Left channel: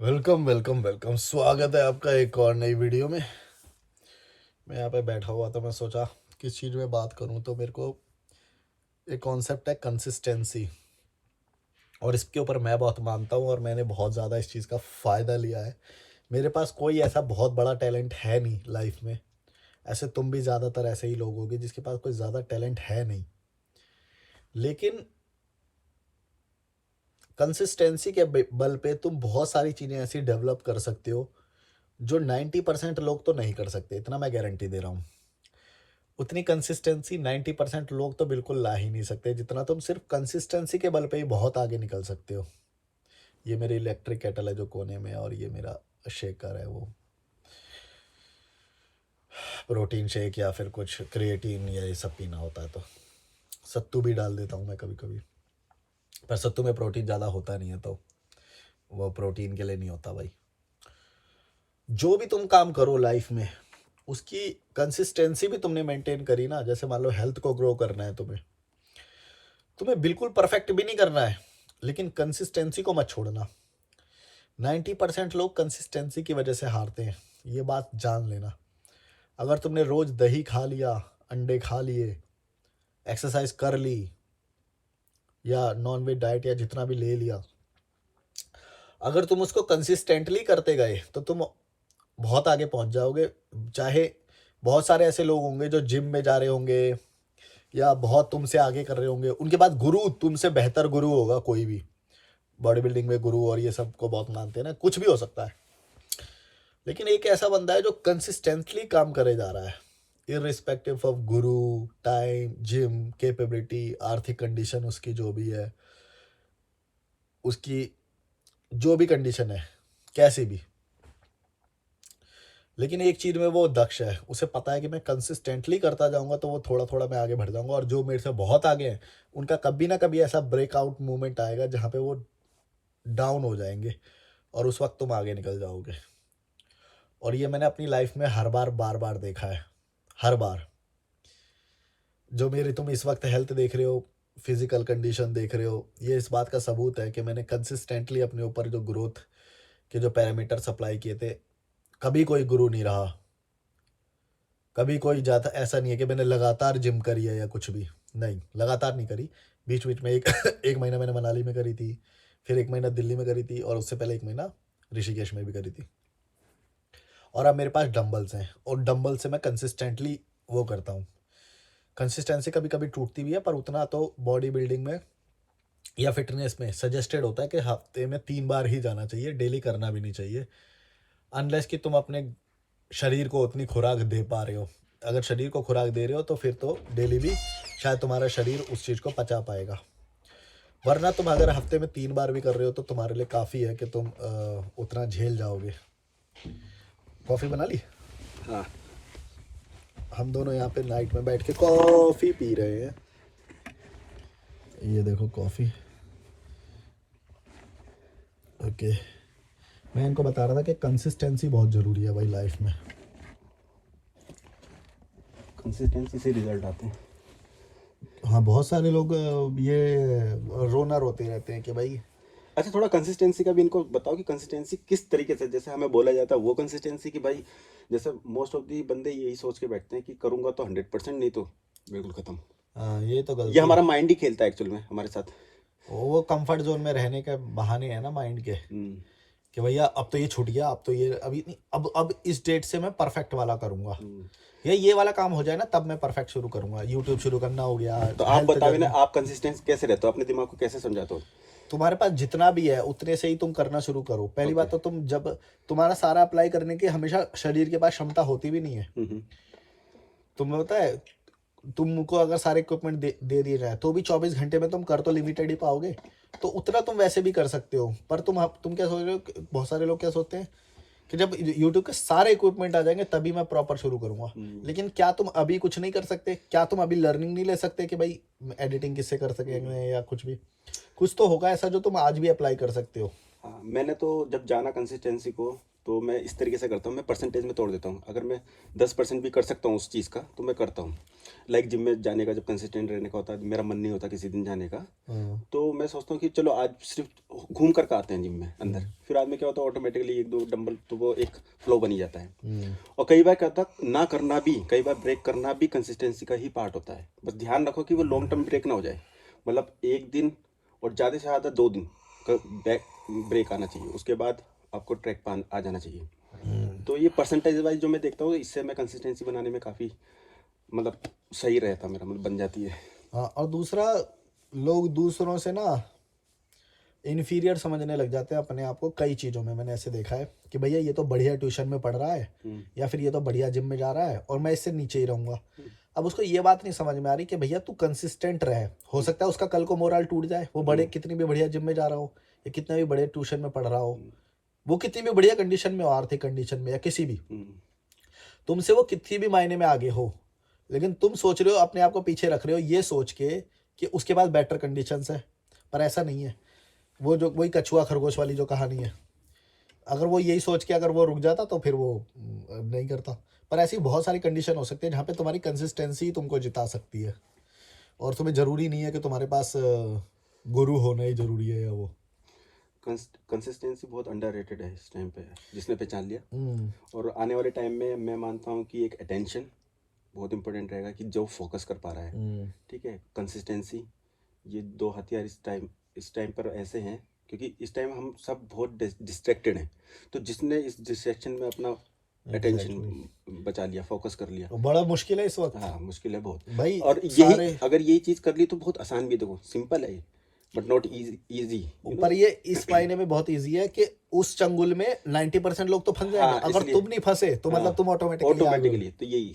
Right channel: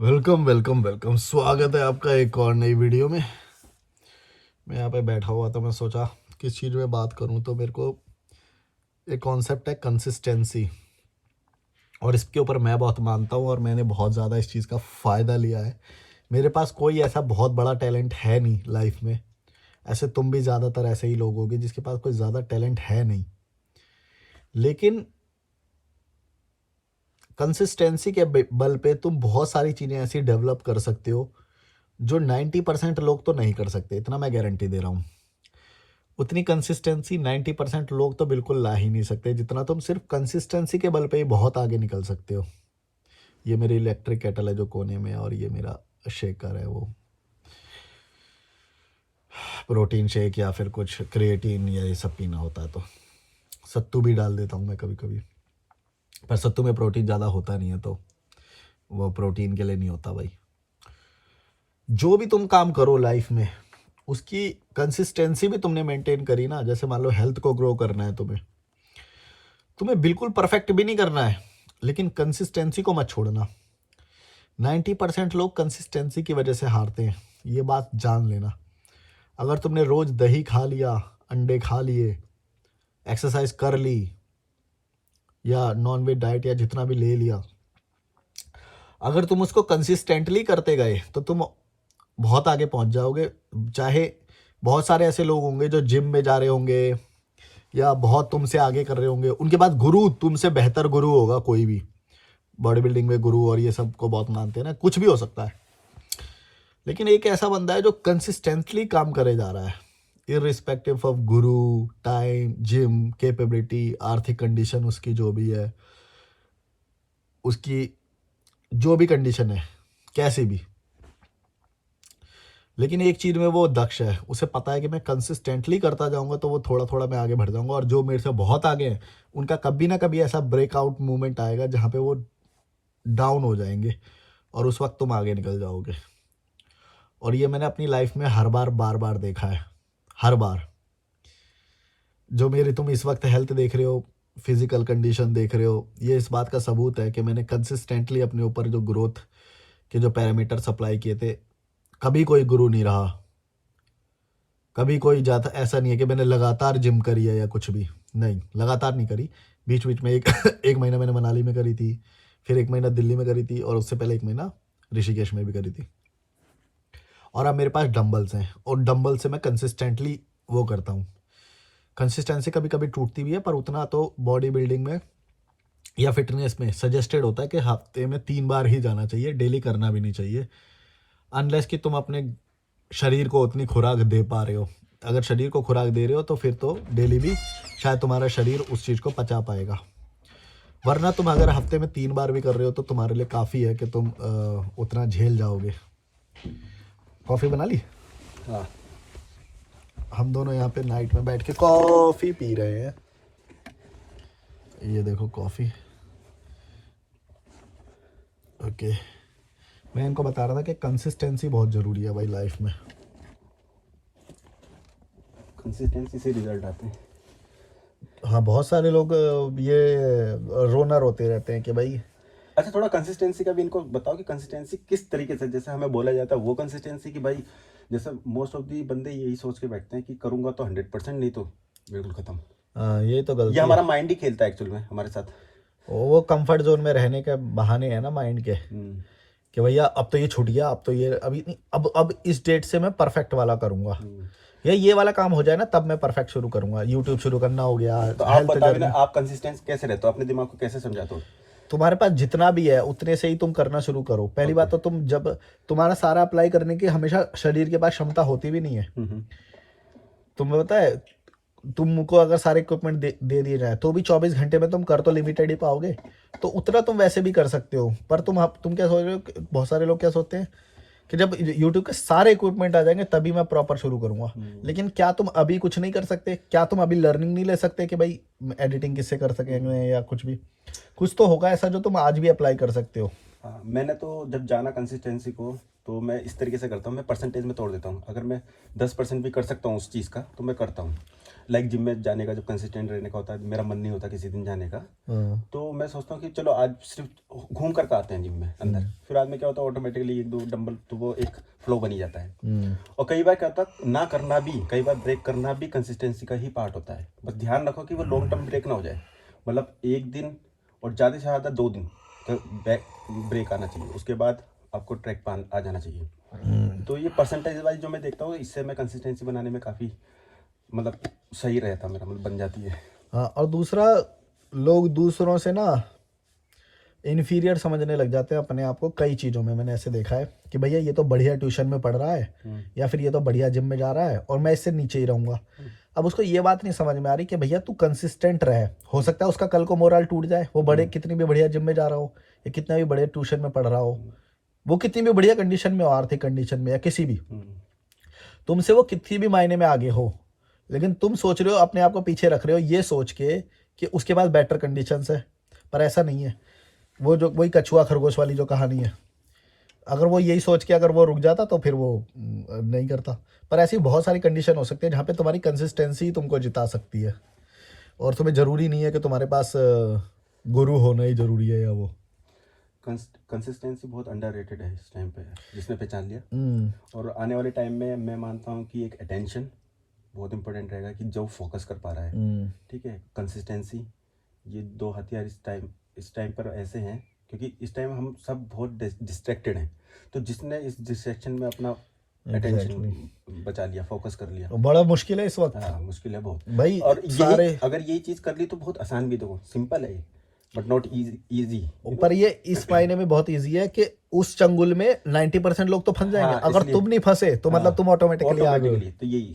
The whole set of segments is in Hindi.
वेलकम वेलकम वेलकम, स्वागत है आपका एक और नई वीडियो में। मैं यहाँ पे बैठा हुआ था, मैं सोचा किस चीज़ में बात करूँ, तो मेरे को एक कॉन्सेप्ट है कंसिस्टेंसी, और इसके ऊपर मैं बहुत मानता हूँ और मैंने बहुत ज़्यादा इस चीज़ का फ़ायदा लिया है। मेरे पास कोई ऐसा बहुत बड़ा टैलेंट है नहीं लाइफ में। ऐसे तुम भी ज़्यादातर ऐसे ही लोग होगे जिसके पास कोई ज़्यादा टैलेंट है नहीं, लेकिन कंसिस्टेंसी के बल पे तुम बहुत सारी चीज़ें ऐसी डेवलप कर सकते हो जो 90% लोग तो नहीं कर सकते, इतना मैं गारंटी दे रहा हूँ। उतनी कंसिस्टेंसी 90% लोग तो बिल्कुल ला ही नहीं सकते जितना तुम सिर्फ कंसिस्टेंसी के बल पे ही बहुत आगे निकल सकते हो। ये मेरी इलेक्ट्रिक केटल है जो कोने में है, और ये मेरा शेकर है, वो प्रोटीन शेक या फिर कुछ क्रिएटिन या ये सब पीना होता है तो सत्तू भी डाल देता हूँ मैं कभी कभी। पर सत्तू में प्रोटीन ज़्यादा होता नहीं है, तो वो प्रोटीन के लिए नहीं होता भाई। जो भी तुम काम करो लाइफ में, उसकी कंसिस्टेंसी भी तुमने मेंटेन करी ना। जैसे मान लो हेल्थ को ग्रो करना है तुम्हें, तुम्हें बिल्कुल परफेक्ट भी नहीं करना है, लेकिन कंसिस्टेंसी को मत छोड़ना। 90% लोग कंसिस्टेंसी की वजह से हारते हैं, ये बात जान लेना। अगर तुमने रोज दही खा लिया, अंडे खा लिए, एक्सरसाइज कर ली, या नॉन वेज डाइट या जितना भी ले लिया, अगर तुम उसको कंसिस्टेंटली करते गए तो तुम बहुत आगे पहुंच जाओगे। चाहे बहुत सारे ऐसे लोग होंगे जो जिम में जा रहे होंगे या बहुत तुमसे आगे कर रहे होंगे, उनके पास गुरु, तुमसे बेहतर गुरु होगा कोई भी। बॉडी बिल्डिंग में गुरु और ये सब को बहुत मानते हैं ना, कुछ भी हो सकता है। लेकिन एक ऐसा बंदा है जो कंसिस्टेंटली काम करे जा रहा है, irrespective of Guru, time, gym, capability, आर्थिक कंडीशन उसकी जो भी है, उसकी जो भी कंडीशन है, कैसी भी। लेकिन एक चीज में वो दक्ष है, उसे पता है कि मैं कंसिस्टेंटली करता जाऊंगा तो वो थोड़ा थोड़ा मैं आगे बढ़ जाऊंगा, और जो मेरे से बहुत आगे हैं उनका कभी ना कभी ऐसा ब्रेकआउट मूवमेंट आएगा जहां पे वो डाउन हो जाएंगे, और उस वक्त तुम आगे निकल जाओगे। और ये मैंने अपनी लाइफ में हर बार बार बार देखा है, हर बार। जो मेरी तुम इस वक्त हेल्थ देख रहे हो, फिजिकल कंडीशन देख रहे हो, ये इस बात का सबूत है कि मैंने कंसिस्टेंटली अपने ऊपर जो ग्रोथ के जो पैरामीटर सप्लाई किए थे। कभी कोई गुरु नहीं रहा, कभी कोई जाता ऐसा नहीं है कि मैंने लगातार जिम करी है या कुछ भी। नहीं, लगातार नहीं करी। बीच बीच में एक एक महीना मैंने मनाली में करी थी, फिर एक महीना दिल्ली में करी थी, और उससे पहले एक महीना ऋषिकेश में भी करी थी। और अब मेरे पास डंबल्स हैं, और डंबल से मैं कंसिस्टेंटली वो करता हूँ। कंसिस्टेंसी कभी कभी टूटती भी है, पर उतना तो बॉडी बिल्डिंग में या फिटनेस में सजेस्टेड होता है कि हफ्ते में 3 बार ही जाना चाहिए, डेली करना भी नहीं चाहिए, अनलेस कि तुम अपने शरीर को उतनी खुराक दे पा रहे हो। अगर शरीर को खुराक दे रहे हो तो फिर तो डेली भी शायद तुम्हारा शरीर उस चीज़ को पचा पाएगा। वरना तुम अगर हफ्ते में 3 बार भी कर रहे हो तो तुम्हारे लिए काफ़ी है कि तुम उतना झेल जाओगे। कॉफ़ी बना ली? हाँ। हम दोनों यहाँ पे नाइट में बैठ के कॉफ़ी पी रहे हैं। ये देखो कॉफ़ी। ओके, मैं इनको बता रहा था कि कंसिस्टेंसी बहुत ज़रूरी है भाई लाइफ में। कंसिस्टेंसी से रिजल्ट आते हैं। हाँ, बहुत सारे लोग ये रोना रोते रहते हैं कि भाई। अच्छा, थोड़ा कंसिस्टेंसी का भी इनको बताओ कि कंसिस्टेंसी किस तरीके से, जैसे हमें बोला जाता है वो कंसिस्टेंसी कि भाई जैसे मोस्ट ऑफ दी बंदे यही सोच के बैठते हैं कि करूंगा तो 100%, नहीं तो बिल्कुल खत्म। हाँ, ये तो ये गलती है। हमारा माइंड ही खेलता है एक्चुअल में हमारे साथ। वो कंफर्ट जोन में रहने के बहाने हैं ना माइंड के, हम्म। कि भैया अब तो ये छूट गया, अब तो ये अभी नहीं, अब इस डेट से मैं परफेक्ट वाला करूंगा, हम्म। या ये वाला काम हो जाए ना तब मैं परफेक्ट शुरू करूंगा। यूट्यूब शुरू करना हो गया, तो आप हेल्थ बताओ ना, जर्नी। आप कंसिस्टेंस कैसे रहते हो, अपने दिमाग को कैसे समझाते हो? तुम्हारे पास जितना भी है उतने से ही तुम करना शुरू करो। पहली ओके। बात तो तुम जब तुम्हारा सारा अप्लाई करने की हमेशा शरीर के पास क्षमता होती भी नहीं है। हम्म। तुम्हें पता है, तुमको अगर सारे इक्विपमेंट दे दिए जाए तो भी 24 घंटे में तुम कर तो लिमिटेड ही पाओगे। तो उतना तुम वैसे भी कर सकते हो, पर तुम क्या सोच रहे हो, बहुत सारे लोग क्या सोचते हैं कि जब यूट्यूब के सारे इक्विपमेंट आ जाएंगे तभी मैं प्रॉपर शुरू करूंगा। लेकिन क्या तुम अभी कुछ नहीं कर सकते? क्या तुम अभी लर्निंग नहीं ले सकते कि भाई एडिटिंग किससे कर सकेंगे या कुछ भी? कुछ तो होगा ऐसा जो तुम आज भी अप्लाई कर सकते हो। हाँ, मैंने तो जब जाना कंसिस्टेंसी को, तो मैं इस तरीके से करता हूँ, मैं परसेंटेज में तोड़ देता हूँ। अगर मैं 10% भी कर सकता हूँ उस चीज़ का, तो मैं करता हूँ। लाइक जिम में जाने का जब कंसिस्टेंट रहने का होता है, मेरा मन नहीं होता किसी दिन जाने का, हाँ, तो मैं सोचता हूँ कि चलो आज सिर्फ घूम कर के आते हैं जिम में अंदर। फिर आज में क्या होता है, ऑटोमेटिकली 1-2 डंबल, तो वो एक फ्लो बन ही जाता है। हम्म, और कई बार क्या होता है, ना करना भी, कई बार ब्रेक करना भी कंसिस्टेंसी का ही पार्ट होता है। बस ध्यान रखो कि वो लॉन्ग टर्म ब्रेक ना हो जाए। मतलब 1 दिन और ज़्यादा से ज़्यादा 2 दिन का ब्रेक आना चाहिए, उसके बाद आपको ट्रैक पर आ जाना चाहिए। तो ये परसेंटेज वाइज जो मैं देखता हूँ, इससे मैं कंसिस्टेंसी बनाने में काफ़ी मतलब सही रहता मेरा, मतलब बन जाती है। हाँ। और दूसरा, लोग दूसरों से ना इन्फीरियर समझने लग जाते हैं अपने आप को कई चीज़ों में। मैंने ऐसे देखा है कि भैया ये तो बढ़िया ट्यूशन में पढ़ रहा है, या फिर ये तो बढ़िया जिम में जा रहा है और मैं इससे नीचे ही रहूंगा। अब उसको ये बात नहीं समझ में आ रही कि भैया तू कंसिस्टेंट रहे, हो सकता है उसका कल को मोरल टूट जाए, वो बड़े कितनी भी बढ़िया जिम में जा रहा हो या कितना भी बढ़िया ट्यूशन में पढ़ रहा हो, वो कितनी भी बढ़िया कंडीशन में हो, आर्थिक कंडीशन में या किसी भी, तुमसे वो कितनी भी मायने में आगे हो, लेकिन तुम सोच रहे हो, अपने आप को पीछे रख रहे हो ये सोच के कि उसके पास बेटर कंडीशंस है। पर ऐसा नहीं है। वो जो वही कछुआ खरगोश वाली जो कहानी है, अगर वो यही सोच के अगर वो रुक जाता तो फिर वो नहीं करता। पर ऐसी बहुत सारी कंडीशन हो सकती है जहाँ पे तुम्हारी कंसिस्टेंसी तुमको जिता सकती है, और तुम्हें ज़रूरी नहीं है कि तुम्हारे पास गुरु होना ही ज़रूरी है या वो। कंसिस्टेंसी बहुत अंडररेटेड है इस टाइम पे, जिसने पहचान लिया। हम्म, और आने वाले टाइम में मैं मानता हूँ कि एक अटेंशन बहुत इंपॉर्टेंट रहेगा, कि जो फोकस कर पा रहा है। हम्म, ठीक है, कंसिस्टेंसी, ये 2 हथियार इस टाइम पर ऐसे हैं, क्योंकि इस टाइम हम सब बहुत डिस्ट्रैक्टेड हैं। तो जिसने इस डिस्ट्रैक्शन में अपना अटेंशन एग्जैक्टली। बचा लिया, फोकस कर लिया, बड़ा मुश्किल है इस वक्त हाँ मुश्किल है बहुत। भाई। और यही, सारे अगर यही चीज़ कर ली तो बहुत आसान भी है, देखो सिंपल है, बट नॉट इजी पर ये इस मायने में बहुत ईजी है कि उस चंगुल में 90% लोग तो फंस जाएंगे, हाँ अगर इसलिए, तुम नहीं फंसे तो हाँ मतलब तुम ऑटोमेटिकली आगे हो। ऑटोमेटिकली, तो यही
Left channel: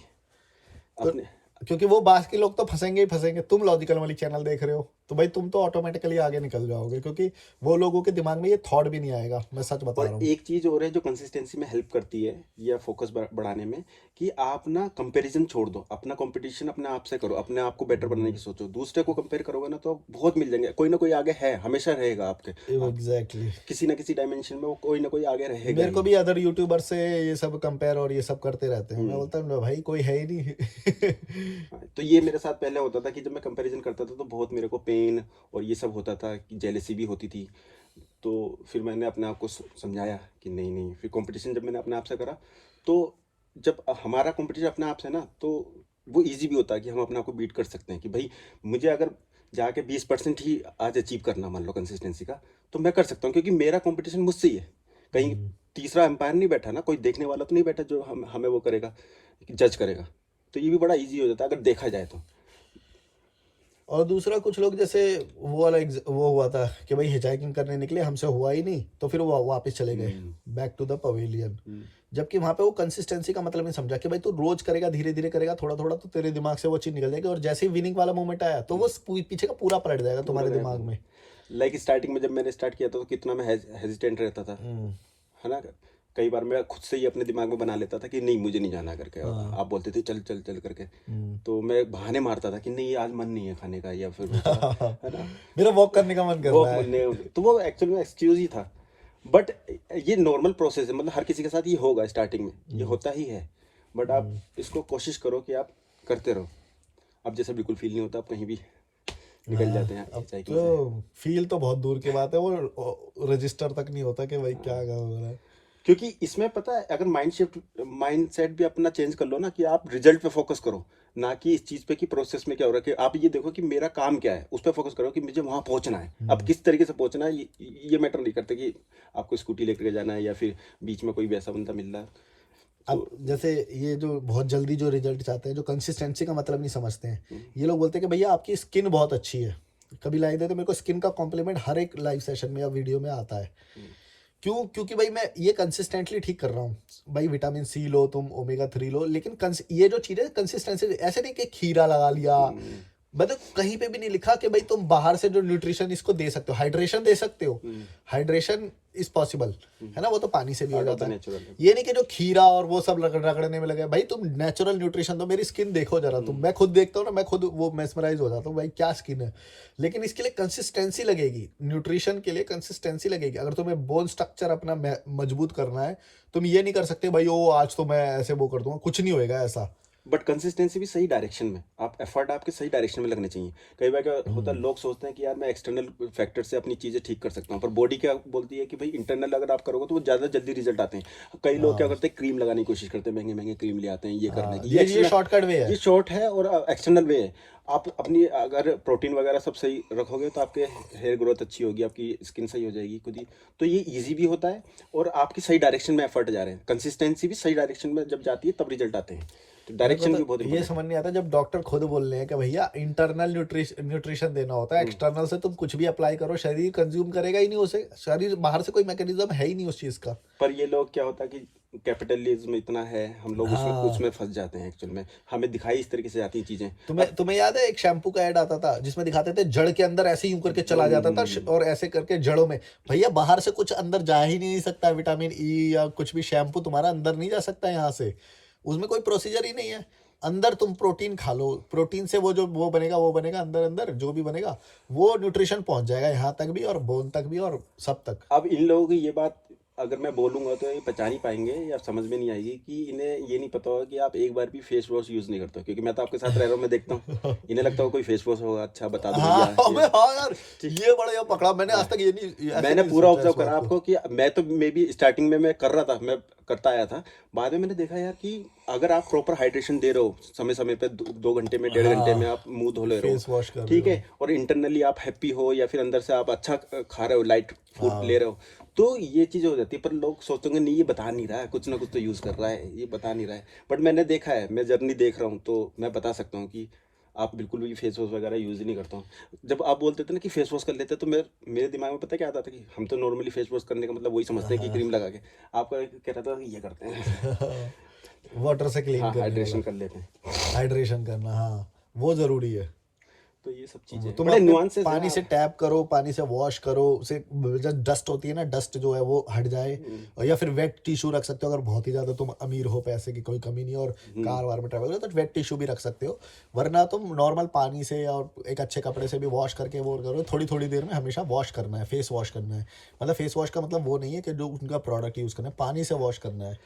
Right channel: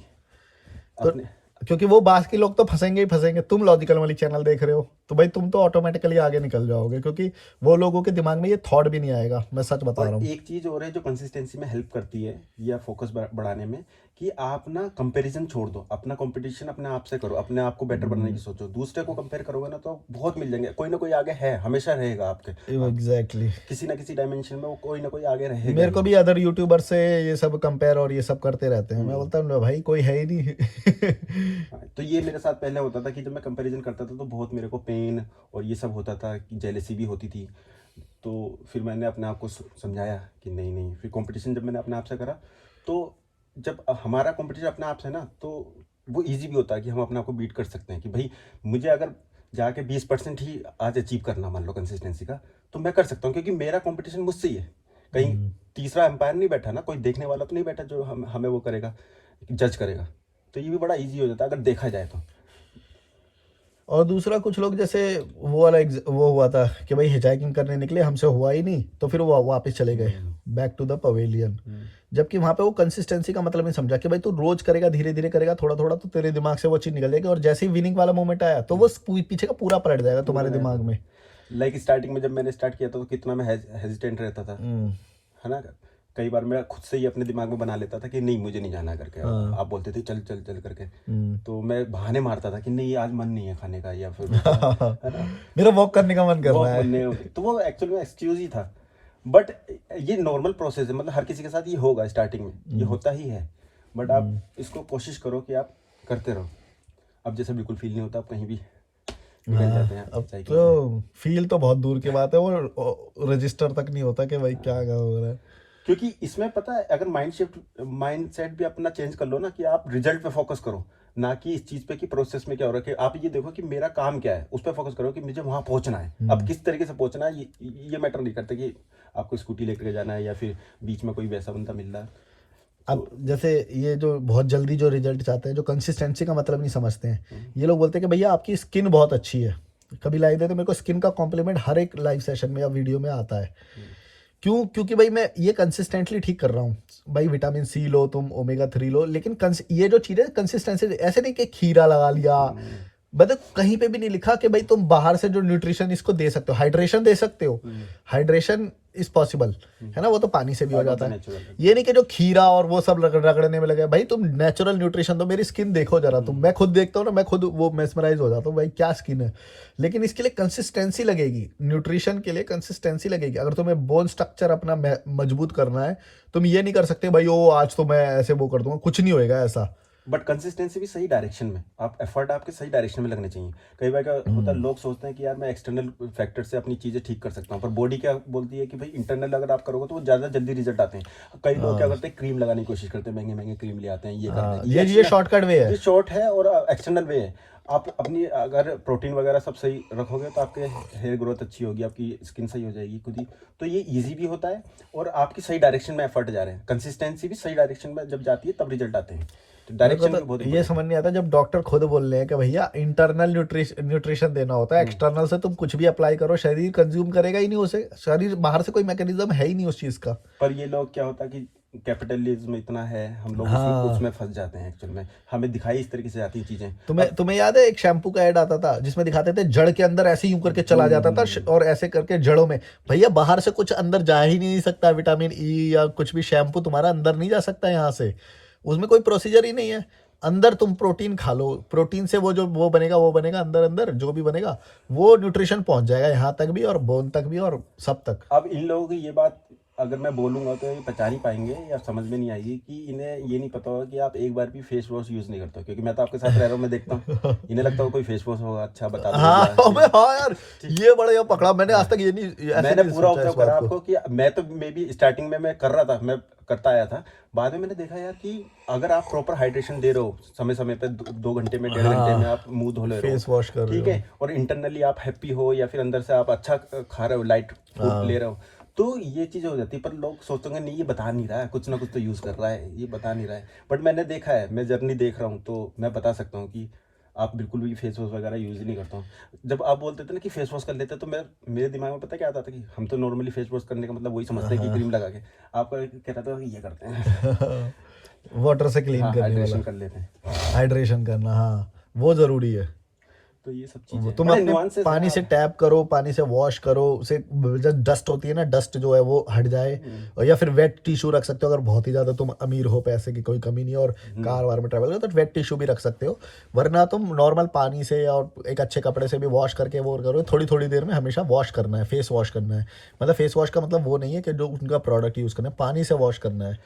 तो अपने, क्योंकि वो बाकी लोग तो फंसेंगे ही फंसेंगे, तुम लॉजिकल वाली चैनल देख रहे हो तो भाई तुम तो ऑटोमेटिकली आगे निकल जाओगे, क्योंकि वो लोगों के दिमाग में ये थॉट भी नहीं आएगा। मैं सच बता रहा और हूँ। एक चीज और है जो कंसिस्टेंसी में हेल्प करती है, या फोकस बढ़ाने में, कि आप ना कंपैरिजन छोड़ दो, अपना कंपटीशन अपने आप से करो, अपने आप को बेटर बनाने की सोचो। दूसरे को कंपेयर करोगे ना तो बहुत मिल जाएंगे, कोई ना कोई आगे है, हमेशा रहेगा आपके, आप एग्जैक्टली। किसी ना किसी डायमेंशन में वो कोई ना कोई आगे रहेगा मेरे को ही। भी अदर यूट्यूबर से ये सब कंपेयर और ये सब करते रहते हैं, मैं बोलता हूँ भाई कोई है ही नहीं। हाँ, तो ये मेरे साथ पहले होता था कि जब मैं कंपैरिजन करता था तो बहुत मेरे को पेन और ये सब होता था, कि जेलेसी भी होती थी। तो फिर मैंने अपने आप को समझाया कि नहीं नहीं, फिर कंपटीशन जब मैंने अपने आप से करा, तो जब हमारा कंपटीशन अपने आप से ना, तो वो इजी भी होता है कि हम अपने आप को बीट कर सकते हैं, कि भाई मुझे अगर जाके 20% ही आज अचीव करना, मान लो कंसिस्टेंसी का, तो मैं कर सकता हूँ, क्योंकि मेरा कंपटीशन मुझसे ही है। कहीं तीसरा एम्पायर नहीं बैठा ना, कोई देखने वाला तो नहीं बैठा जो हमें वो करेगा, जज करेगा। तो ये भी बड़ा इजी हो जाता है अगर देखा जाए तो। और दूसरा, कुछ लोग जैसे वो वाला वो हुआ था कि भाई हिचाइकिंग करने निकले, हमसे हुआ ही नहीं, तो फिर वो वापस चले गए बैक टू द पवेलियन। जबकि वहां पे वो कंसिस्टेंसी का मतलब नहीं समझा कि भाई तू रोज करेगा, धीरे धीरे करेगा, थोड़ा थोड़ा, तो तेरे दिमाग से वो चीज निकल जाएगी, और जैसे ही विनिंग वाला मोमेंट आया तो वो पीछे का पूरा पलट जाएगा तुम्हारे दिमाग में। लाइक स्टार्टिंग में जब मैंने स्टार्ट किया था तो कितना मैं हेजिटेंट रहता था, है ना। कई बार मैं खुद से ही अपने दिमाग में बना लेता था कि नहीं मुझे नहीं जाना करके, और आप बोलते थे चल चल चल करके, तो मैं बहाने मारता था कि नहीं आज मन नहीं है खाने का, या फिर है ना, मेरा वॉक करने का मन कर वो रहा है। तो वो एक्चुअल में एक्सक्यूज ही था। बट ये नॉर्मल प्रोसेस है, मतलब हर किसी के साथ ये होगा, स्टार्टिंग में ये होता ही है। बट आप इसको कोशिश करो कि आप करते रहो। अब जैसे बिल्कुल फील नहीं होता, आप कहीं भी निकल जाते हैं अब हिचाइकिंग से। तो फील तो बहुत दूर की बात है, वो रजिस्टर तक नहीं होता कि भाई क्या हो रहा है। क्योंकि इसमें पता है, अगर माइंड सेट भी अपना चेंज कर लो ना, कि आप रिजल्ट पे फोकस करो, ना कि इस चीज पे कि प्रोसेस में क्या हो रहा है, कि आप ये देखो कि मेरा काम क्या है, उस पर फोकस करो कि मुझे वहां पहुंचना है। अब किस तरीके से पहुंचना है ये मैटर नहीं करता, कि आपको स्कूटी लेकर जाना है या फिर बीच में कोई वैसा बंदा मिल रहा है। अब जैसे ये जो बहुत जल्दी जो रिजल्ट चाहते हैं, जो कंसिस्टेंसी का मतलब नहीं समझते हैं, ये लोग बोलते हैं कि भैया आपकी स्किन बहुत अच्छी है, कभी लाइक देते, मेरे को स्किन का कॉम्प्लीमेंट हर एक लाइव सेशन में या वीडियो में आता है। क्यों? क्योंकि भाई मैं ये कंसिस्टेंटली ठीक कर रहा हूँ। भाई विटामिन सी लो, तुम ओमेगा 3 लो, लेकिन ये जो चीज़ है कंसिस्टेंसी, ऐसे नहीं कि खीरा लगा लिया, मतलब कहीं पे भी नहीं लिखा कि भाई तुम बाहर से जो न्यूट्रिशन इसको दे सकते हो, हाइड्रेशन दे सकते हो। हाइड्रेशन इज पॉसिबल, है ना, वो तो पानी से भी हो आउट ऑफ जाता द है। नेचुरल। ये नहीं कि जो खीरा और वो सब रगड़ने में लगे। भाई तुम नेचुरल न्यूट्रिशन दो, मेरी स्किन देखो जरा तुम, मैं खुद देखता हूँ ना, मैं खुद वो मेस्मराइज हो जाता हूँ, भाई क्या स्किन है। लेकिन इसके लिए कंसिस्टेंसी लगेगी, न्यूट्रिशन के लिए कंसिस्टेंसी लगेगी। अगर तुम्हें बोन स्ट्रक्चर अपना मजबूत करना है, तुम ये नहीं कर सकते भाई ओ आज तो मैं ऐसे वो कर दूंगा, कुछ नहीं होएगा ऐसा। बट कंसिस्टेंसी भी सही डायरेक्शन में, आप एफर्ट आपके सही डायरेक्शन में लगने चाहिए। कई बार क्या होता है, लोग सोचते हैं कि यार मैं एक्सटर्नल फैक्टर से अपनी चीज़ें ठीक कर सकता हूँ, पर बॉडी क्या बोलती है कि भाई इंटरनल अगर आप करोगे तो वो ज़्यादा जल्दी रिजल्ट आते हैं। कई लोग क्या हाँ करते हैं, क्रीम लगाने की कोशिश करते हैं, महंगे महंगे क्रीम ले आते हैं ये करने हाँ, की, ये शॉर्टकट वे ये है। शॉर्ट है और एक्सटर्नल वे है। आप अपनी अगर प्रोटीन वगैरह सब सही रखोगे तो आपके हेयर ग्रोथ अच्छी होगी, आपकी स्किन सही हो जाएगी खुद ही। तो ये इजी भी होता है और आपकी सही डायरेक्शन में एफर्ट जा रहे हैं। कंसिस्टेंसी भी सही डायरेक्शन में जब जाती है तब रिजल्ट आते हैं। तो मेरे को डायरेक्शन भी बहुत तो ये इंपॉर्टेंट समझ नहीं आता जब डॉक्टर खुद बोल रहे हैं कि भैया इंटरनल न्यूट्रिशन देना होता है, है। एक्सटर्नल से तुम कुछ भी अप्लाई करो शरीर कंज्यूम करेगा ही नहीं उसे, शरीर बाहर से कोई मैकेनिज्म है ही नहीं उस चीज का। पर ये लोग क्या होता है कि कैपिटलिज्म इतना है, हम लोग उसमें हाँ, उसमें फंस जाते हैं। एक्चुअल में हमें दिखाई इस तरीके से जाती हैं चीजें। तुम्हें अब तुम्हें याद है एक शैम्पू का ऐड आता था जिसमें दिखाते थे जड़ के अंदर ऐसे यूं करके चला जाता था और ऐसे करके जड़ों में। भैया बाहर से कुछ अंदर जा ही नहीं सकता, विटामिन ई या कुछ भी शैम्पू तुम्हारा अंदर नहीं जा सकता यहाँ से, उसमें कोई प्रोसीजर ही नहीं है। अंदर तुम प्रोटीन खा लो, प्रोटीन से वो जो वो बनेगा अंदर अंदर जो भी बनेगा वो न्यूट्रिशन पहुंच जाएगा यहाँ तक भी और बोन तक भी और सब तक। अब इन लोगों की ये बात अगर मैं बोलूंगा तो ये पचा नहीं पाएंगे या समझ में नहीं आएगी कि इन्हें ये नहीं पता होगा कि आप एक बार भी फेस वॉश यूज नहीं करते हो। क्योंकि मैं तो आपके साथ रह रहा हूँ, मैं देखता हूँ इन्हें लगता है कोई फेस वॉश होगा, अच्छा बता दो हाँ भैया मैं हाँ यार, ये बड़ा पकड़ा मैंने, आज तक ये नहीं ऐसे मैंने नहीं पूरा सोचा ऑब्जर्व इस बात करा को। आपको कि मैं तो मे बी स्टार्टिंग में मैं कर रहा था, मैं करता आया था। बाद में मैंने देखा यार कि अगर आप प्रॉपर हाइड्रेशन दे रहे हो समय समय पे, 2 घंटे में 1.5 घंटे में हाँ, आप मुंह धो ले रहे हो, फेस वॉश कर रहे ठीक हो। है, और इंटरनली आप हैप्पी हो या फिर अंदर से आप अच्छा खा रहे हो, लाइट फूड हाँ ले रहे हो, तो ये चीज़ हो जाती है। पर लोग सोचेंगे नहीं ये बता नहीं रहा है, कुछ ना कुछ तो यूज़ कर रहा है, ये बता नहीं रहा है। बट मैंने देखा है, मैं जर्नी देख रहा हूँ, तो मैं बता सकता हूँ कि आप बिल्कुल भी फेस वॉश वगैरह यूज़ ही नहीं करता हूँ। जब आप बोलते थे ना कि फेस वॉश कर लेते, तो मैं मेरे दिमाग में पता क्या आता था कि हम तो नॉर्मली फेस वॉश करने का मतलब वही समझते हैं कि हाँ क्रीम लगा के। आपका कह रहा था कि ये करते हैं। वाटर से क्लीन हाँ, करने वाला, हाइड्रेशन कर लेते हैं। हाइड्रेशन करना, हाँ वो जरूरी है। तो ये सब वो चीज़ें तुम बड़े अपने नुआंसेस हैं पानी से आप। टैप करो, पानी से वॉश करो, उसे जब डस्ट होती है ना, डस्ट जो है वो हट जाए। और या फिर वेट टिश्यू रख सकते हो अगर बहुत ही ज़्यादा तुम अमीर हो, पैसे की कोई कमी नहीं है और कार वार में ट्रैवल करो तो वेट टिश्यू भी रख सकते हो। वरना तुम नॉर्मल पानी से और एक अच्छे कपड़े से भी वॉश करके वो करो, थोड़ी थोड़ी देर में हमेशा वॉश करना है, फेस वॉश करना है। मतलब फेस वॉश का मतलब वो नहीं है कि जो उनका प्रोडक्ट यूज़ करना है, पानी से वॉश करना है।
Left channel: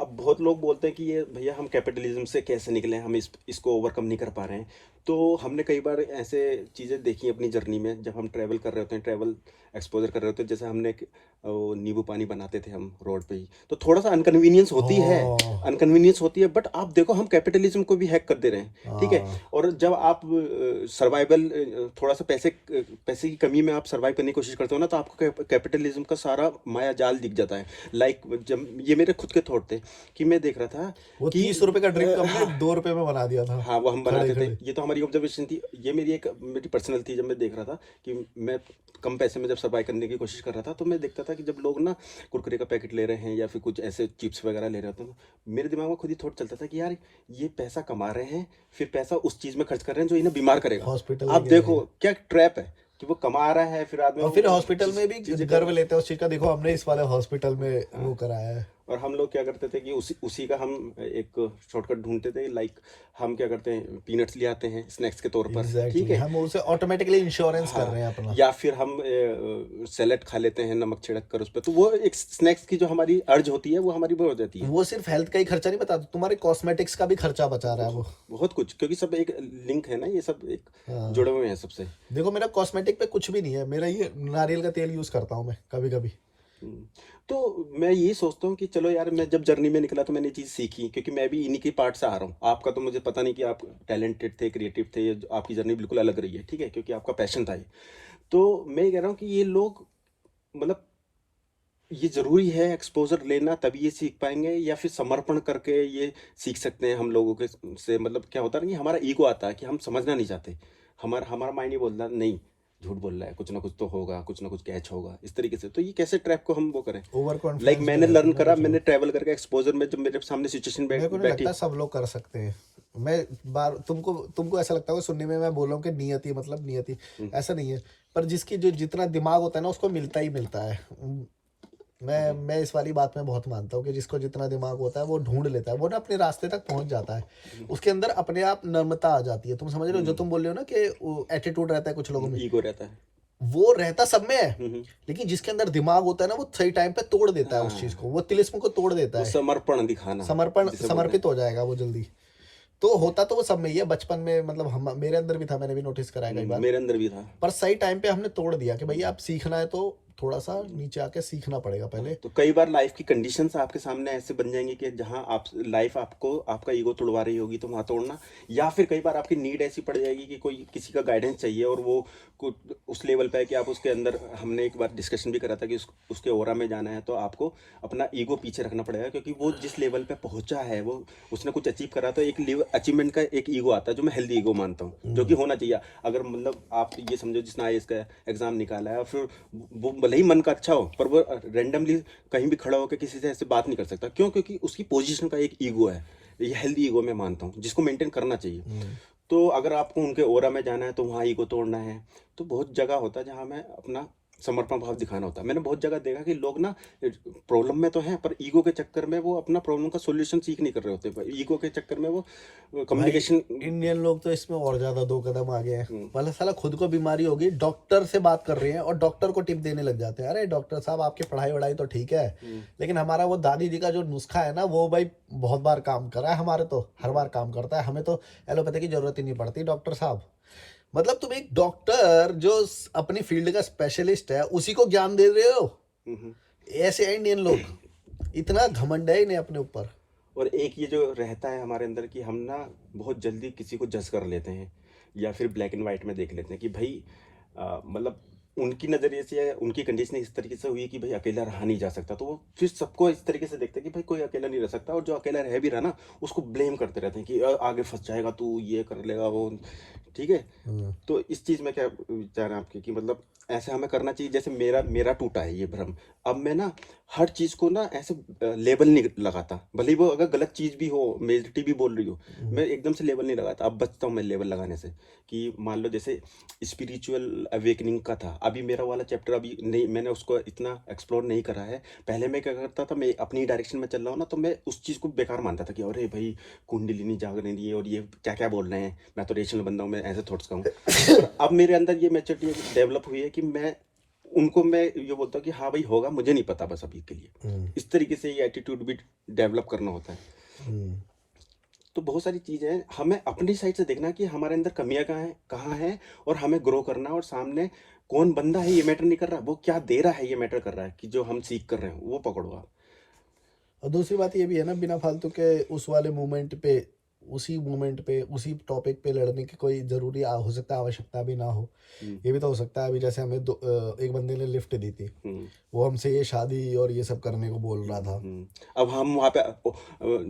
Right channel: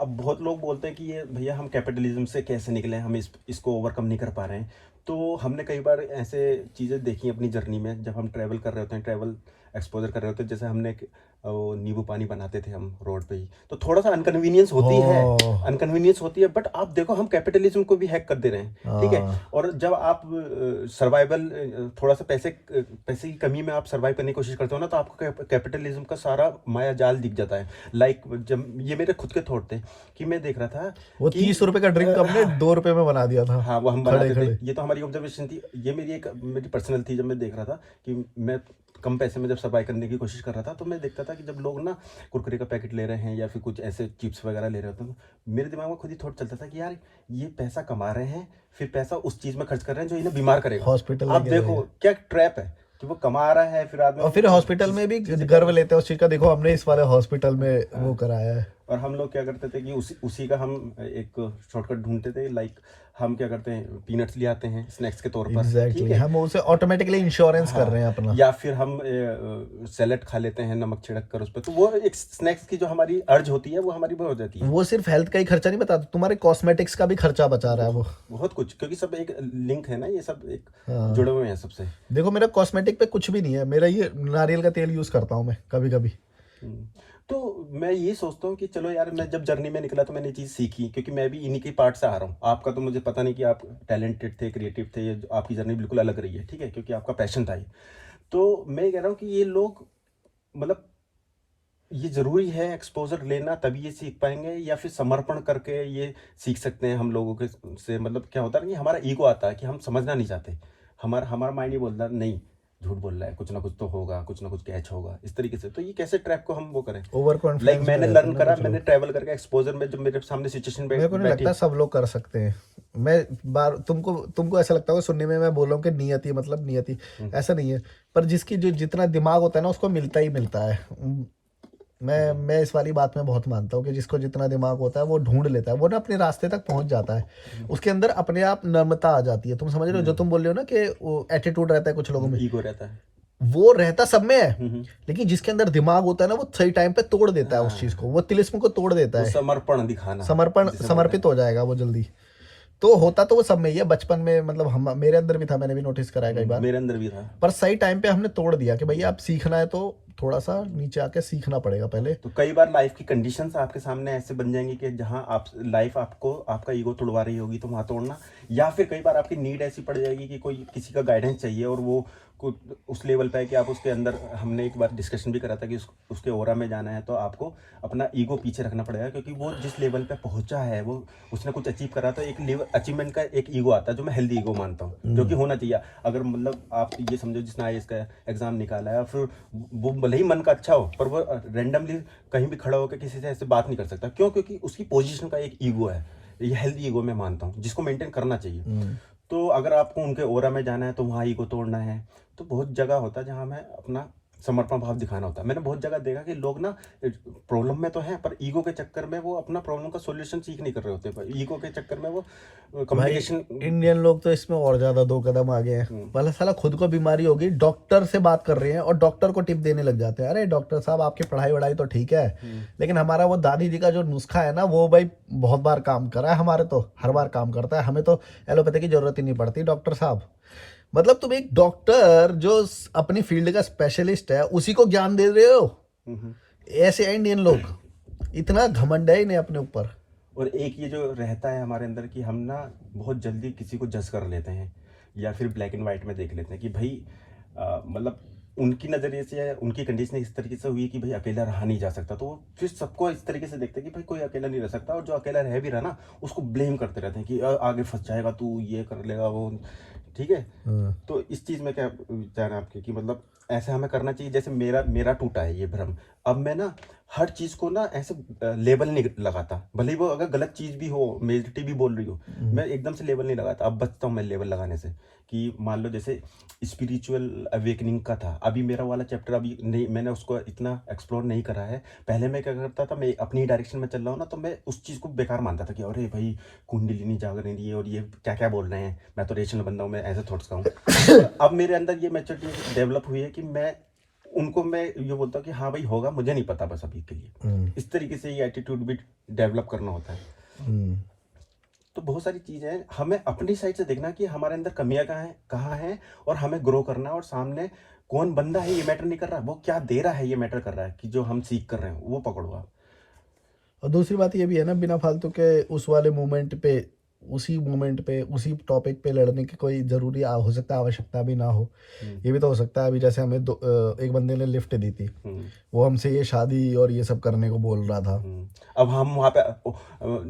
अब बहुत लोग बोलते हैं कि ये भैया हम कैपिटलिज्म से कैसे निकले, हम इसको ओवरकम नहीं कर पा रहे हैं। तो हमने कई बार ऐसे चीज़ें देखी अपनी जर्नी में, जब हम ट्रैवल कर रहे होते हैं, ट्रैवल एक्सपोजर कर रहे होते हैं। जैसे हमने वो नींबू पानी बनाते थे हम रोड पे ही, तो थोड़ा सा अनकन्वीनियंस होती है, हाँ अनकन्वीनियंस होती है। बट आप देखो हम कैपिटलिज्म को भी हैक कर दे रहे हैं, ठीक है। हाँ, और जब आप सर्वाइवल, थोड़ा सा पैसे की कमी में आप सर्वाइव करने की कोशिश करते हो ना, तो आपको कैपिटलिज्म का सारा माया जाल दिख जाता है। लाइक जब ये मेरे खुद के थॉट थे कि मैं देख रहा था वो कि 30 रुपए का ड्रिंक हमने हाँ, 2 रुपए में बना दिया था, हाँ, वो हम खड़े बनाते थे। खड़े। ये तो हमारी ऑब्जर्वेशन थी, ये मेरी पर्सनल थी। जब मैं देख रहा था कि मैं कम पैसे में जब सर्वाइव करने की कोशिश कर रहा था, तो मैं देखता था कि जब लोग ना कुरकुरे का पैकेट ले रहे हैं या फिर कुछ ऐसे चिप्स वगैरह ले रहे होते हैं, तो मेरे दिमाग में खुद ही थॉट चलता था कि यार ये पैसा कमा रहे हैं, फिर पैसा उस चीज़ में खर्च कर रहे हैं जो इन्हें बीमार करेगा। हॉस्पिटल आप लेके देखो जाइए क्या ट्रैप है कि वो कमा रहा है, फिर आदमी और फिर हॉस्पिटल में भी चीज़ें गर्व लेते हैं उस चीज का, देखो हमने इस वाले हॉस्पिटल में वो हाँ। कराया है। और हम लोग क्या करते थे कि उसी का हम एक शॉर्टकट ढूंढते थे। लाइक हम क्या करते हैं, पीनट्स ले आते हैं स्नैक्स के तौर पर, ठीक एग्जैक्टली है। हम उसे ऑटोमेटिकली इंश्योरेंस कर हाँ, रहे हैं अपना। या फिर हम सैलेड खा लेते हैं नमक छिड़क कर उस पर, तो वो एक स्नैक्स की जो हमारी अर्ज होती है वो हमारी वो हो जाती है। वो सिर्फ हेल्थ का ही खर्चा नहीं बताता, तुम्हारे कॉस्मेटिक्स का भी खर्चा बचा रहा है वो। बहुत कुछ, क्योंकि सब एक लिंक है ना, ये सब एक हाँ जुड़े हुए हैं सबसे। देखो मेरा कॉस्मेटिक पे कुछ भी नहीं है, मेरा ये नारियल का तेल यूज करता हूँ मैं कभी कभी। हम्म, तो मैं ये सोचता हूँ कि चलो यार, मैं जब जर्नी में निकला तो मैंने ये चीज़ सीखी, क्योंकि मैं भी इन्हीं के पार्ट से आ रहा हूँ। आपका तो मुझे पता नहीं कि आप टैलेंटेड थे, क्रिएटिव थे, आपकी जर्नी बिल्कुल अलग रही है, ठीक है, क्योंकि आपका पैशन था ये। तो मैं ये कह रहा हूँ कि ये लोग, मतलब ये ज़रूरी है एक्सपोजर लेना तभी ये सीख पाएंगे, या फिर समर्पण करके ये सीख सकते हैं हम लोगों के से। मतलब क्या होता है ना कि हमारा ईगो आता है कि हम समझना नहीं चाहते, हमारा हमारा माइंड ये बोलता है नहीं, झूठ बोल रहा है, कुछ ना कुछ तो होगा, कुछ ना कुछ कैच होगा, इस तरीके से। तो ये कैसे ट्रैप को हम वो करें। ओवर लाइक कॉन्फिडेंस में मैंने रहते लर्न हैं ना करा, कुछ मैंने लोग। ट्रैवल करके एक्सपोजर में जब मेरे सामने सिचुएशन मेरे को नहीं बैठी। लगता सब लोग कर सकते हैं। मैं बार तुमको ऐसा लगता होगा सुनने में, मैं बोल रहा हूँ कि नियति मतलब नियति, ऐसा नहीं है। पर जिसकी जो जितना दिमाग होता है ना उसको मिलता ही मिलता है। मैं इस वाली बात में बहुत मानता हूँ कि जिसको जितना दिमाग होता है वो ढूंढ लेता है, वो ना अपने रास्ते तक पहुंच जाता है, उसके अंदर अपने आप नम्रता आ जाती है। तुम समझ रहे हो जो तुम बोल रहे हो ना कि एटीट्यूड रहता है कुछ लोगों में, ईगो रहता है। वो रहता सब में है, हम्म, लेकिन जिसके अंदर दिमाग होता है ना वो सही टाइम पे तोड़ देता है उस चीज को, हाँ, वो तिलिस्म को तोड़ देता वो है, समर्पण दिखाना समर्पण जिसे बोलते हैं। समर्पित हो जाएगा वो जल्दी। तो होता तो वो सब में ही है, बचपन में मतलब हम मेरे अंदर भी था, मैंने भी नोटिस करा है कई बार, मेरे अंदर भी था। पर सही टाइम पे हमने तोड़ दिया कि भैया आप सीखना है तो थोड़ा सा नीचे आके सीखना पड़ेगा पहले। तो कई बार लाइफ की कंडीशंस आपके सामने ऐसे बन जाएंगी कि जहां आप लाइफ आपको आपका ईगो तोड़वा रही होगी तो वहां तोड़ना, या फिर कई बार आपकी नीड ऐसी पड़ जाएगी कि कोई किसी का गाइडेंस चाहिए और वो उस लेवल पे है कि आप उसके अंदर, हमने एक बार डिस्कशन भी करा था कि उसके ओरा में जाना है तो आपको अपना ईगो पीछे रखना पड़ेगा, क्योंकि वो जिस लेवल पे पहुंचा है, वो उसने कुछ अचीव करा, तो एक लेवल अचीवमेंट का एक ईगो आता है जो मैं हेल्दी ईगो मानता हूँ, जो कि होना चाहिए। अगर मतलब आप ये समझो जिसने आईएएस का एग्जाम निकाला है, फिर वो भले ही मन का अच्छा हो पर वो रेंडमली कहीं भी खड़ा होकर किसी से ऐसे बात नहीं कर सकता, क्यों? क्योंकि उसकी पोजीशन का एक ईगो है। ये हेल्दी ईगो मैं मानता हूँ जिसको मेंटेन करना चाहिए। तो अगर आपको उनके ओरा में जाना है तो वहाँ ईगो तोड़ना है, तो बहुत जगह होता है जहाँ हमें अपना समर्पण भाव दिखाना होता है। मैंने बहुत जगह देखा कि लोग ना प्रॉब्लम में तो हैं पर ईगो के चक्कर में वो अपना प्रॉब्लम का सॉल्यूशन सीख नहीं कर रहे होते, पर ईगो के चक्कर में वो भाई कम्युनिकेशन। इंडियन लोग तो इसमें और ज्यादा 2 कदम आगे हैं। पहले साला खुद को बीमारी होगी, डॉक्टर से बात कर रहे हैं और डॉक्टर को टिप देने लग जाते हैं, अरे डॉक्टर साहब आपकी पढ़ाई वढ़ाई तो ठीक है, लेकिन हमारा वो दादी जी का जो नुस्खा है ना वो भाई बहुत बार काम करा है, हमारे तो हर बार काम करता है, हमें तो एलोपैथी की जरूरत ही नहीं पड़ती डॉक्टर साहब। मतलब तुम एक डॉक्टर जो अपनी फील्ड का स्पेशलिस्ट है उसी को ज्ञान दे रहे हो। ऐसे हैं इंडियन लोग, इतना घमंड है इन्हें अपने ऊपर। और एक ये जो रहता है हमारे अंदर कि हम ना बहुत जल्दी किसी को जज कर लेते हैं, या फिर ब्लैक एंड वाइट में देख लेते हैं कि भाई मतलब उनकी नज़रिए से या उनकी कंडीशन इस तरीके से हुई है कि भाई अकेला रहा नहीं जा सकता, तो वो फिर सबको इस तरीके से देखते हैं कि भाई कोई अकेला नहीं रह सकता, और जो अकेला रह भी रहा ना उसको ब्लेम करते रहते हैं कि आगे फंस जाएगा तू, ये कर लेगा वो, ठीक है। तो इस चीज़ में क्या विचार है आपके कि मतलब ऐसा हमें करना चाहिए? जैसे मेरा मेरा टूटा है ये भ्रम, अब मैं ना हर चीज़ को ना ऐसे लेबल नहीं लगाता, भले ही वो अगर गलत चीज़ भी हो, मेजोरिटी भी बोल रही हो, मैं एकदम से लेबल नहीं लगाता। अब बचता हूँ मैं लेबल लगाने से, कि मान लो जैसे स्पिरिचुअल अवेकनिंग का था, अभी मेरा वाला चैप्टर अभी नहीं, मैंने उसको इतना एक्सप्लोर नहीं करा है। पहले मैं क्या करता था, मैं अपनी डायरेक्शन में चल रहा हूँ ना, तो मैं उस चीज़ को बेकार मानता था कि अरे भाई कुंडलिनी जाग रही है और ये क्या क्या बोल रहे हैं, मैं तो रेशनल बंदा हूँ, मैं ऐसे थॉट्स का हूँ। पर अब मेरे अंदर ये मैच्योरिटी डेवलप हुई है कि मैं उनको मैं ये बोलता हूँ कि हाँ भाई होगा, मुझे नहीं पता बस अभी के लिए। इस तरीके से ये एटीट्यूड भी डेवलप करना होता है। तो बहुत सारी चीज़ें हैं, हमें अपनी साइड से देखना कि हमारे अंदर कमियां कहाँ हैं और हमें ग्रो करना है, और सामने कौन बंदा है ये मैटर नहीं कर रहा, वो क्या दे रहा है ये मैटर कर रहा है, कि जो हम सीख कर रहे हैं वो पकड़ो आप। और दूसरी बात ये भी है ना, बिना फालतू के उस वाले मोमेंट पे, उसी मोमेंट पे, उसी टॉपिक पे लड़ने की कोई जरूरी हो सकता है आवश्यकता भी ना हो। ये भी तो हो सकता है, अभी जैसे हमें एक बंदे ने लिफ्ट दी थी, वो हमसे ये शादी और ये सब करने को बोल रहा था। अब हम वहाँ पे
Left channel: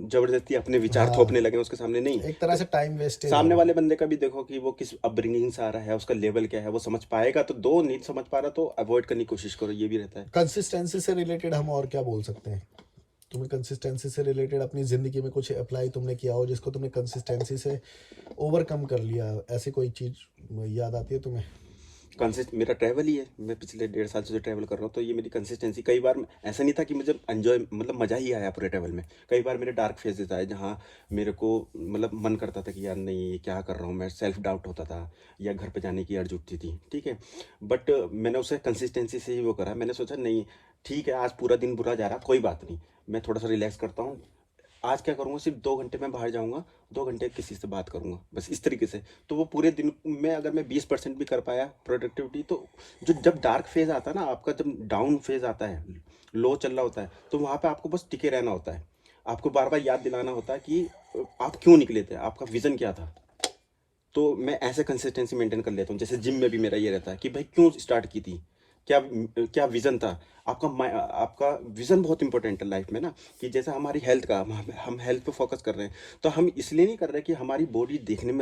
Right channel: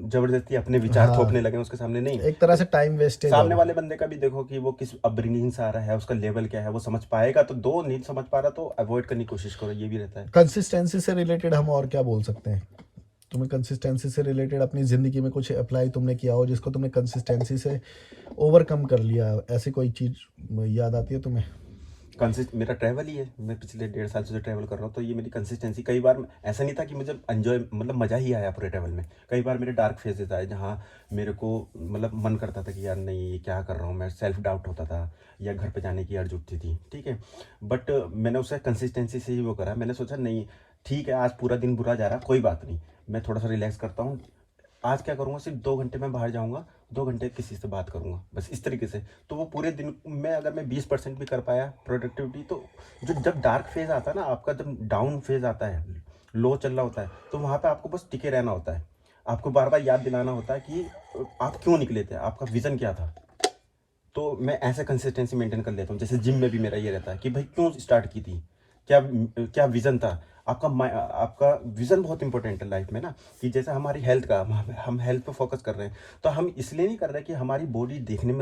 जबरदस्ती अपने विचार थोपने लगे उसके सामने, नहीं, एक तरह से टाइम वेस्टेज। सामने वाले बंदे का भी देखो कि वो किस अपब्रिंगिंग से आ रहा है, उसका लेवल क्या है, वो समझ पाएगा तो दो, नहीं समझ पा रहा तो अवॉइड करने की कोशिश करो, ये भी रहता है। कंसिस्टेंसी से रिलेटेड हम और क्या बोल सकते हैं? तुम्हें कंसिस्टेंसी से रिलेटेड अपनी ज़िंदगी में कुछ अप्लाई तुमने किया हो जिसको तुमने कंसिस्टेंसी से ओवरकम कर लिया, ऐसी कोई चीज़ याद आती है तुम्हें? मेरा ट्रैवल ही है, मैं पिछले 1.5 साल से जो ट्रैवल कर रहा हूँ, तो ये मेरी कंसिस्टेंसी। कई बार ऐसा नहीं था कि मुझे एंजॉय, मतलब मज़ा ही आया पूरे ट्रैवल में। कई बार मेरे डार्क फेजेस आए जहाँ मेरे को मतलब मन करता था कि यार नहीं ये क्या कर रहा हूँ मैं, सेल्फ डाउट होता था, या घर पे जाने की अर्ज उठती थी, ठीक है। बट मैंने उसे कंसिस्टेंसी से ही वो करा। मैंने सोचा नहीं ठीक है, आज पूरा दिन बुरा जा रहा, कोई बात नहीं, मैं थोड़ा सा रिलैक्स करता हूँ, आज क्या करूँगा, सिर्फ 2 घंटे में बाहर जाऊँगा, 2 घंटे किसी से बात करूँगा, बस इस तरीके से। तो वो पूरे दिन में अगर मैं 20% भी कर पाया प्रोडक्टिविटी, तो जो जब डार्क फेज आता है ना आपका, जब डाउन फेज आता है, लो चल रहा होता है, तो वहाँ पे आपको बस टिके रहना होता है। आपको बार बार याद दिलाना होता है कि आप क्यों निकले थे, आपका विज़न क्या था। तो मैं ऐसे कंसिस्टेंसी मेंटेन कर लेता हूँ। जैसे जिम में भी मेरा ये रहता है कि भाई क्यों स्टार्ट की थी, क्या क्या विज़न था आपका। आपका विज़न बहुत इंपॉर्टेंट है लाइफ में ना, कि जैसे हमारी हेल्थ का, हम हेल्थ पे फोकस कर रहे हैं, तो हम इसलिए नहीं कर रहे कि हमारी बॉडी दिखने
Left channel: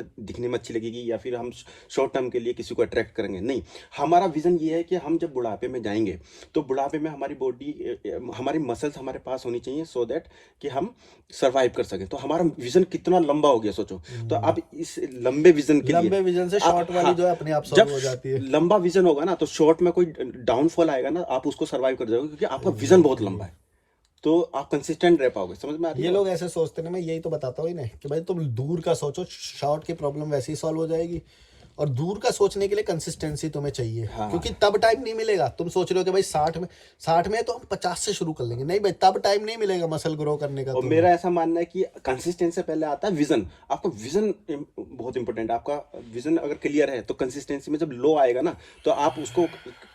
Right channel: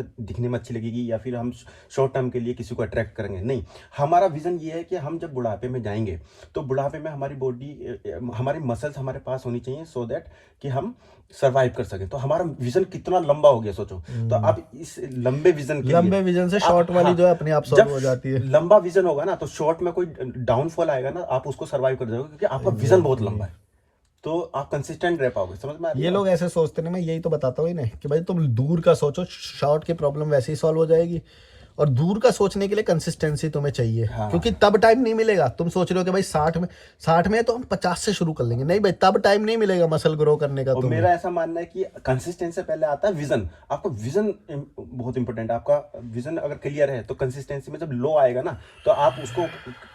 में अच्छी लगेगी, या फिर हम शॉर्ट टर्म के लिए किसी को अट्रैक्ट करेंगे, नहीं। हमारा विज़न ये है कि हम जब बुढ़ापे में जाएंगे तो बुढ़ापे में हमारी बॉडी, हमारी मसल्स हमारे पास होनी चाहिए, सो दैट कि हम सर्वाइव कर सकें। तो हमारा विज़न कितना लंबा हो गया सोचो। तो आप इस लंबे विज़न के लिए, लंबे विजन से शॉर्ट वाली जो है अपने आप सॉल्व हो जाती है। लंबा विज़न होगा ना तो शॉर्ट में कोई डाउनफॉल आएगा ना, आप उसको सर्वाइव सर्वाइव कर जाओगे, क्योंकि आपका विजन बहुत लंबा है, तो आप कंसिस्टेंट रह पाओगे। समझ में आ रही ये है? लोग ऐसे सोचते हैं ना, मैं यही तो बताता हूँ इन्हें कि भाई तुम दूर का सोचो, शॉर्ट की प्रॉब्लम वैसे ही सॉल्व हो जाएगी। और दूर का सोचने के लिए कंसिस्टेंसी तुम्हें चाहिए, हाँ। क्योंकि तब टाइम नहीं मिलेगा। तुम सोच रहे हो कि भाई 60 में तो हम 50 से शुरू कर लेंगे, नहीं भाई, तब टाइम नहीं मिलेगा मसल ग्रो करने का और तुम्हें। मेरा ऐसा मानना है कि कंसिस्टेंसी से पहले आता है विजन। आपका विजन बहुत इंपॉर्टेंट है। आपका विजन अगर क्लियर है तो कंसिस्टेंसी में जब लो आएगा ना, तो आप उसको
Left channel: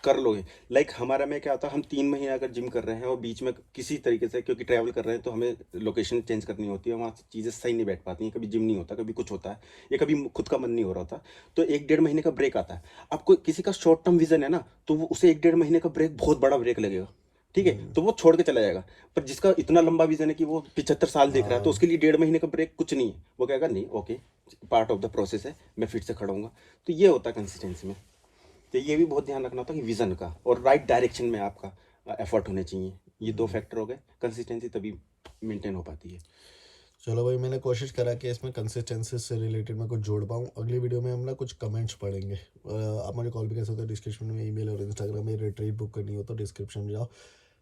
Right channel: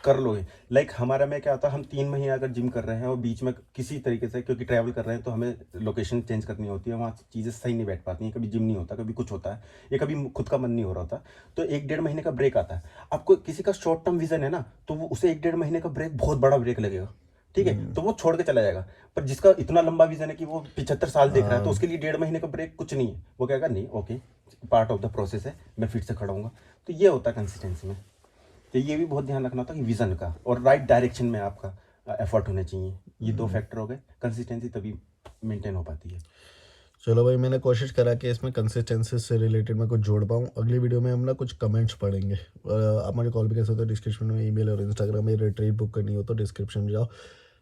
कर लोगे। लाइक हमारा में क्या होता है, हम 3 महीने अगर जिम कर रहे हैं और बीच में किसी तरीके से, क्योंकि ट्रैवल कर रहे हैं तो हमें लोकेशन चेंज करनी होती है, वहाँ चीज़ें सही नहीं बैठ पाती हैं, कभी जिम नहीं होता, कभी कुछ होता है, या कभी खुद का मन नहीं हो रहा होता, तो 1-1.5 महीने का ब्रेक आता है। आपको किसी का शॉर्ट टर्म विजन है ना, तो उसे 1-1.5 महीने का ब्रेक बहुत बड़ा ब्रेक लगेगा, ठीक है, तो वो छोड़ के चला जाएगा। पर जिसका इतना लंबा विजन है कि वो 75 साल देख रहा है, तो उसके लिए 1.5 महीने का ब्रेक कुछ नहीं है। वो कहेगा नहीं, okay, part of the process है, मैं फिर से खड़ा हूँगा। तो ये होता है कंसिस्टेंसी में। तो ये भी बहुत ध्यान रखना होता है कि विजन का और राइट डायरेक्शन में आपका एफर्ट होने चाहिए। ये 2 फैक्टर हो गए, कंसिस्टेंसी तभी मेंटेन हो पाती है। चलो भाई, मैंने कोशिश करा कि इसमें कंसिस्टेंसी से रिलेटेड मैं कुछ जोड़ पाऊँ। अगली वीडियो में हम ना कुछ कमेंट्स पढ़ेंगे। आप मुझे कॉल भी कर सकते हो, डिस्क्रिप्शन में ईमेल और इंस्टाग्राम में रिट्रीट बुक करनी हो तो डिस्क्रिप्शन में जाओ।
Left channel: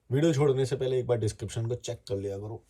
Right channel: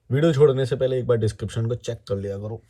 वीडियो छोड़ने से पहले एक बार डिस्क्रिप्शन को चेक कर लिया करो।